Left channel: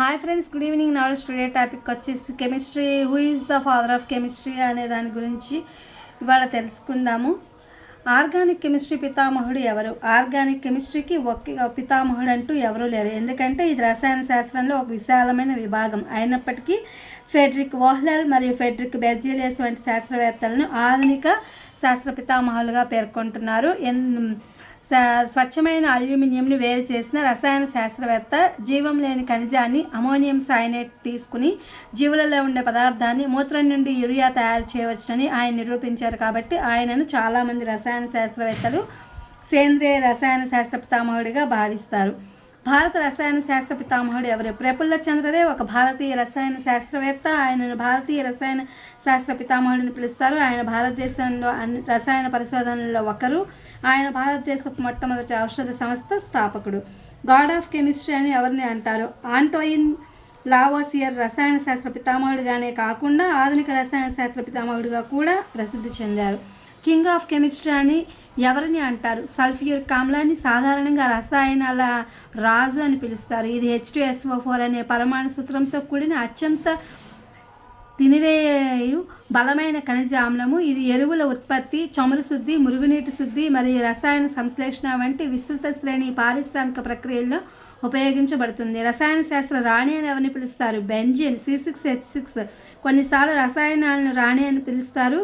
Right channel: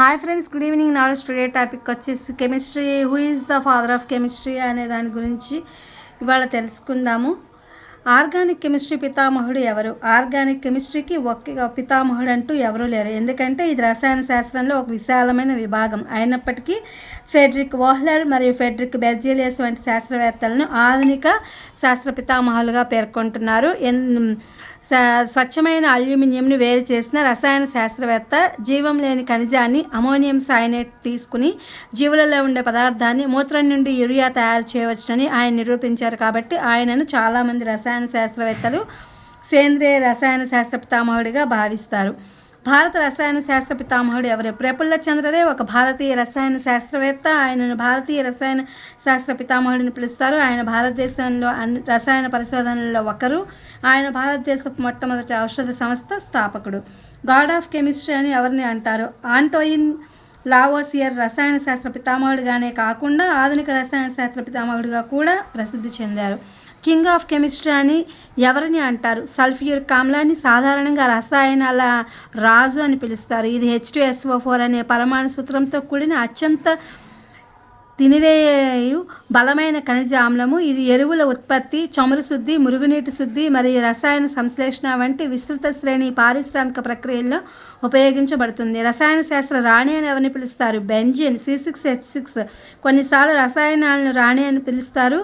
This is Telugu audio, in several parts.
Hi friends, good evening. నాడు టుడే టాపిక్ వచ్చేసి chemistry. Who is the father of chemistry అనే దాని గురించి ఇవాళ తెలుసుకుందాము. ఆర్గానిక్ కెమిస్ట్రీ పితామహుడు ఎవరు? ఆర్గానిక్ కెమిస్ట్రీకి ఒక్క పితామహుడు అంటూ ఎవరూ లేరు. ఎందుకంటే ఇది రసాయన శాస్త్రంలో ఒక విశాలమైన విభాగం అయినప్పటికీ ఫెడ్రిక్ వోహ్లర్ మరియు ఫెడ్రిక్ బెర్జీలియస్ వంటి శాస్త్రవేత్తలను ఆధునిక శాస్త్ర పితామహులుగా పేర్కొంటున్నారు. స్వచ్ఛమైన అల్యూమినియంని వేరు చేసిన రసాయన శాస్త్రవేత్త జీవం లేని ఖనిజాన్ని అమోనియం సైనైట్ తీసుకుని జీవులలో ఉండే పదార్థాన్ని మూత్రం నుండి యూరియా తయారు చేయవచ్చునని ఆయన నిరూపించారు. కాబట్టి ఆయనను చాలామంది రసాయన శాస్త్రవేత్తలు సేంద్రియ రసాయన శాస్త్ర పితామహుడిగా భావిస్తారు. భారత రసాయన శాస్త్ర పితామహుడు ఎవరు? ప్రఫుల్ల చంద్రరే ఒక భారతీయ రసాయన శాస్త్రవేత్త. ఆయనను భారతీయ రసాయన శాస్త్ర పితామహుడిని పిలుస్తారు. ఆయన భారతదేశంలో అన్ని రసాయన పరిశోధనల్లో ఒకరు. ఆయన భారతదేశపు మొట్టమొదటి ఔషధ సంస్థ స్థాపకుడు. గాడ్ ఆఫ్ కెమిస్ట్రీ అని ఎవరిని అంటారు? ఆంటోయిన్ లావోసియర్ రసాయన శాస్త్ర పితామహుడిగానే కాకుండా ఆధునిక రసాయన శాస్త్ర పితామహుడిగా కూడా ప్రసిద్ధి చెందారు. కింగ్ ఆఫ్ కెమిస్ట్రీ అని ఎవరిని అంటారు? సల్ఫ్యూరిక్ ఆమ్లాన్ని సాధారణంగా రసాయనాల రాజు అని పిలుస్తారు. ఇది H2SO4 అనే పరమాణు సూత్రంతో కూడిన అత్యంత తినివేయు బలమైన ఖనిజ ఆమ్లము. ఇది ఎరువుల ఉత్పత్తి, చమురు శుద్ధి, మురుగునీటి శుద్ధి మరియు రసాయన సంశ్లేషణ వంటి విస్తృత శ్రేణి పారిశ్రామిక ప్రక్రియల్లో ఉపయోగించబడుతుంది. రసాయన శాస్త్ర రాణి అని ఎవరిని పిలుస్తారు? Benzene C6H6. కొన్నిసార్లు రసాయనాలను రాణి అని పిలుస్తారు.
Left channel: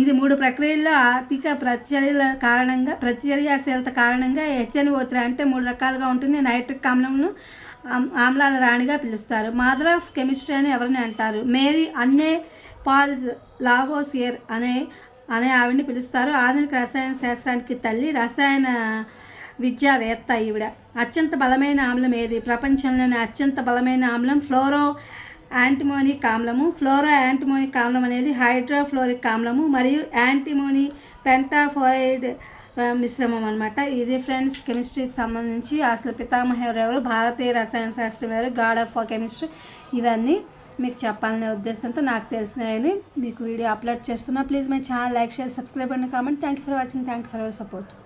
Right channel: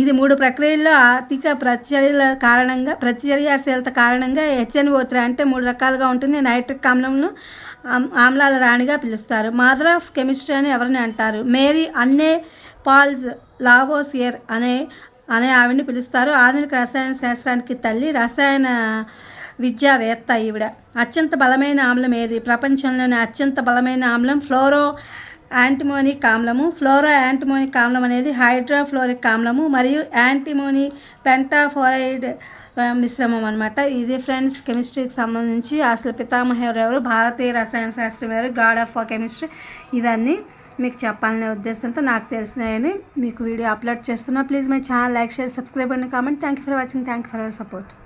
ఇది 3 ప్రక్రియల్లో అధిక ప్రతిచర్యాశీలత కారణంగా HNO3 అంటే 3 రకాలుగా ఉంటుంది. నైట్రిక్ ఆమ్లాల రాణిగా పిలుస్తారు. మదర్ ఆఫ్ కెమిస్ట్రీ అని ఎవరిని అంటారు? మేరీ అన్నే పాల్స్ లావోసియర్ అనే ఆవిడని పిలుస్తారు. ఆధునిక రసాయన శాస్త్రానికి తల్లి, రసాయన విద్యావేత్త ఈవిడ. అత్యంత బలమైన ఆమ్లం ఏది? ప్రపంచంలోని అత్యంత బలమైన ఆమ్లం ఫ్లోరో యాంటిమోనిక్ ఆమ్లము. ఫ్లోరో యాంటిమోనిక్ ఆమ్లం అనేది హైడ్రోఫ్లోరిక్ ఆమ్లము మరియు యాంటిమోని పెంటాఫోరైడ్ మిశ్రమం అనమాట. ఇది ఫ్రెండ్స్ కెమిస్ట్రీకి సంబంధించి అసలు పితామహుడు ఎవరు, భారతీయ రసాయన శాస్త్రం ఎవరు, గాడ్ ఆఫ్ కెమిస్ట్రీ, ఇవన్నీ మీకు చెప్పాలనే ఉద్దేశంతో నాకు తెలిసినాయని మీకు వీడియో అప్లోడ్ చేస్తున్నా. Please my channel like, share, subscribe and comment. Thank you for watching. Thank you for our support.